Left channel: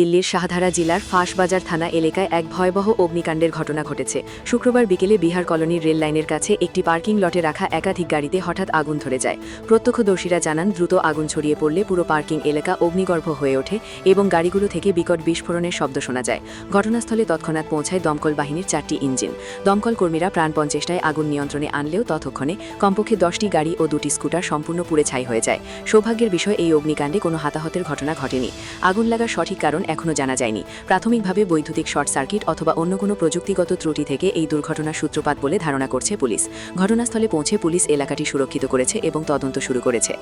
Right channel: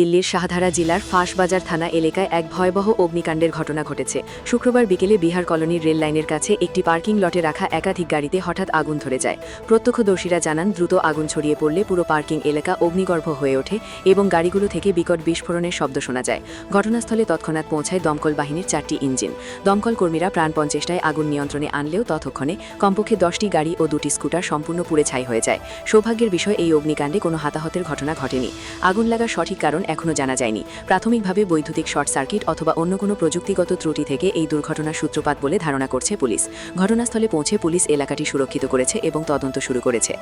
দিল্লির শাহধারা জেলার ফাঁসবাজার থানা এলাকায় এক ভয়াবহ অগ্নিকাণ্ডের ঘটনা ঘটেছে। শুক্রবার বিকেলে বিহার কলোনির রেল লাইনের কাছে একটি পার্কিং লটে রাখা একাধিক গাড়িতে হঠাৎ আগুন ধরে যায়। প্রত্যক্ষদর্শীরা জানান, দ্রুত আগুন ছড়িয়ে পড়লে পুরো পার্কিং এলাকা অগ্নিগর্ভ হয়ে ওঠে এবং গাড়িগুলো থেকে বিকট বিস্ফোরণের শব্দ শোনা যায়। ঘটনাস্থলে তৎক্ষণাৎ পৌঁছায় দমকল বাহিনীর 4টি ইঞ্জিন। দমকল কর্মীরা প্রাণপণ চেষ্টায় আগুন নিয়ন্ত্রণে আনলেও ততক্ষণে কমপক্ষে 10টি গাড়ি ও 2টি স্কুটার সম্পূর্ণ পুড়ে ছাই হয়ে যায়। সৌভাগ্যের বিষয়, এই অগ্নিকাণ্ডে কোনো হতাহতের ঘটনা ঘটেনি। আগুন লাগার সঠিক কারণ এখনও জানা যায়নি। প্রাথমিকভাবে বৈদ্যুতিক শর্ট সার্কিট অথবা অন্য কোনো প্রযুক্তিগত ত্রুটি থেকে এই দুর্ঘটনার সূত্রপাত বলে ধারণা করছে পুলিশ। ঘটনাস্থলে পৌঁছে পুলিশ এলাকাটি সুরক্ষিত করেছে এবং তদন্ত শুরু করেছে।